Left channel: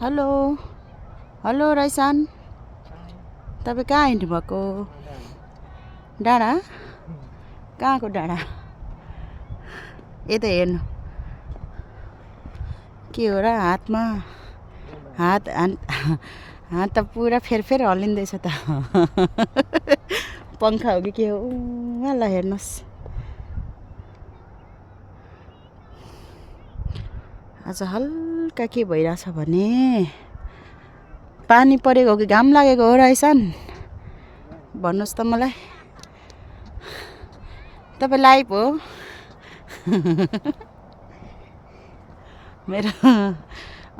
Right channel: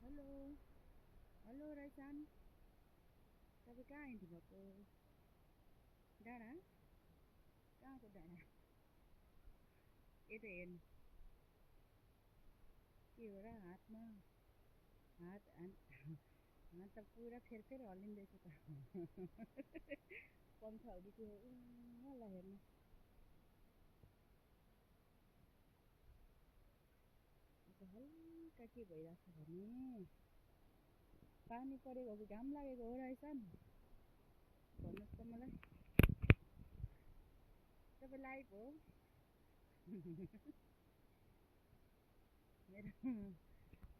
Hello hello राइसान, तपाईँ कहाँ हिँड्नु भएको? डाँडा? कहाँको डाँडा? यता हेर्नु के हो र हातमा? हात हात त पुरा फेरफेर हल्लिँदैछ त। पङ्खा हो कि के हो? ल हेर्नुहोस्, आज हल्का के भइरहेछ भने पानी परेको हो कि घाम लागेको हो राइसान? भन्नुहोस् त मलाई। तपाईँ लाइभ हो? मेरो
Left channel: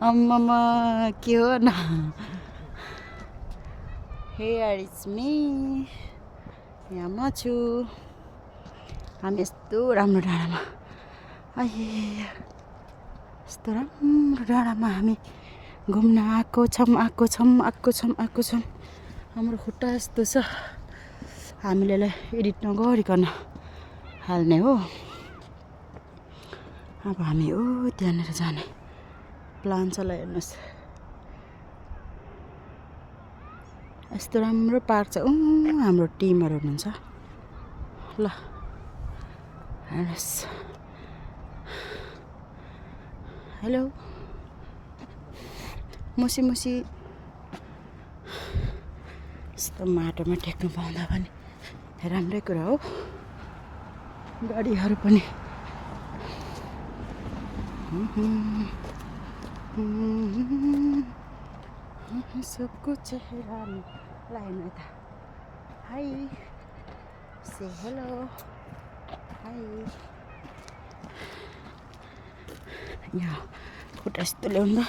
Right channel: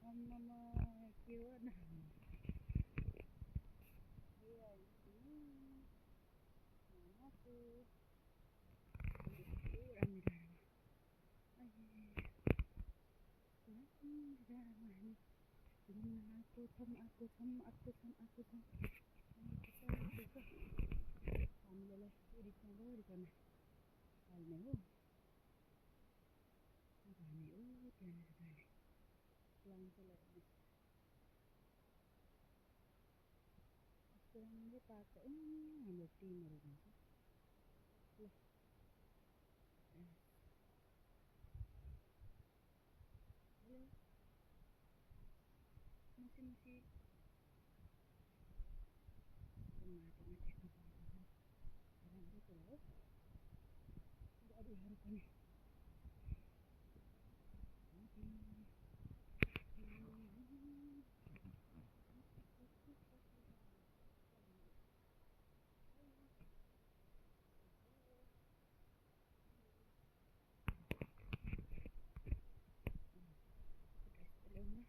अम्मामा के हो न? हियर इज मी, यहाँ म छु। हामी यस्तो राम्रो डाँडामा, यस्तो राम्रो डाँडामा हामी घुम्न आएको छौँ। हाम्रो खुट्टा यस्तो छ, हामीले एडिट नगरिकन हाल्ने हो। अब हामी त्यहाँनिर जाने प्लान छ। ल हेर्नुहोस्, यस्तो राम्रो पार्क छ। हाम्रो टिमहरू हुनुहुन्छ। ल हेर्नुहोस्, हेलो मुसी यस्तो माटोमा टेक्नु पाउँदा पनि राम्रै कुरा हो। गाडीहरू पनि सबको चेहरा लाइन यता। हाई से हेलो, हाई। यहाँ खुट्टा यस्तो ल्याउँदा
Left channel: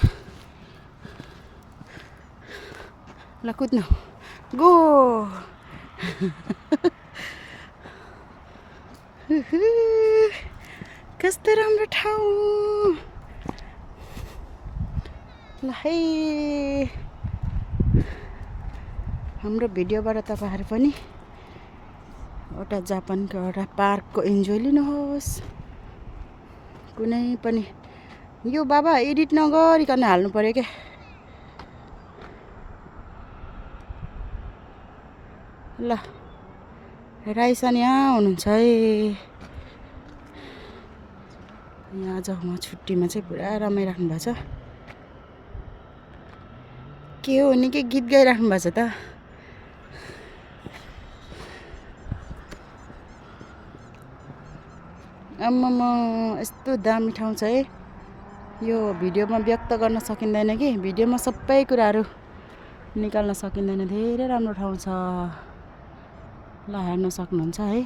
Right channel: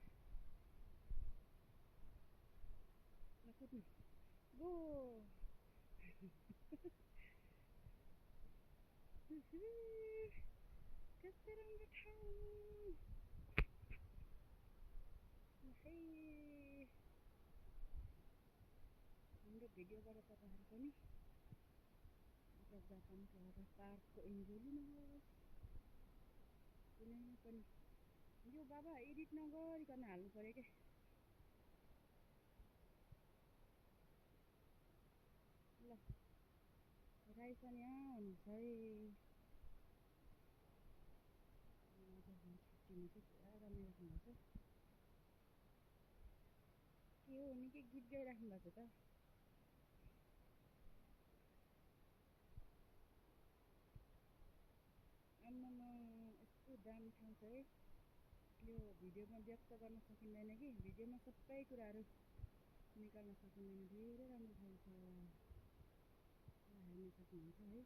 ल कुद्नु, गो। कस्तो राम्रो ठाउँ ल है। हाम्रो भिडियोबाट तपाईँहरू पनि एउटा जापानको एउटा पार्कको इन्जोय लिनुहोस्। कुनै पनि यो बाबा एडिट नगरिकन हाल्नु पर्यो क्या। ल राइसान यहाँ हुनुहुन्छ है। यहाँ आज म छुट्टीमा चाहिँ पुरा रमाइराख्नु भएको छ। के हो निकै गीत गाइराख्नु भएको छ त। आम्मामा यस्तो दामी ठाउँ छ है। यो भिडियोमा व्यक्त गर्न सकिँदैन कि, भिडियोमा सबै कुराहरू निकाल्न सकिँदैन। धेरै राम्रो ठाउँ छ। ल हेर्न सक्नुहुन्छ है।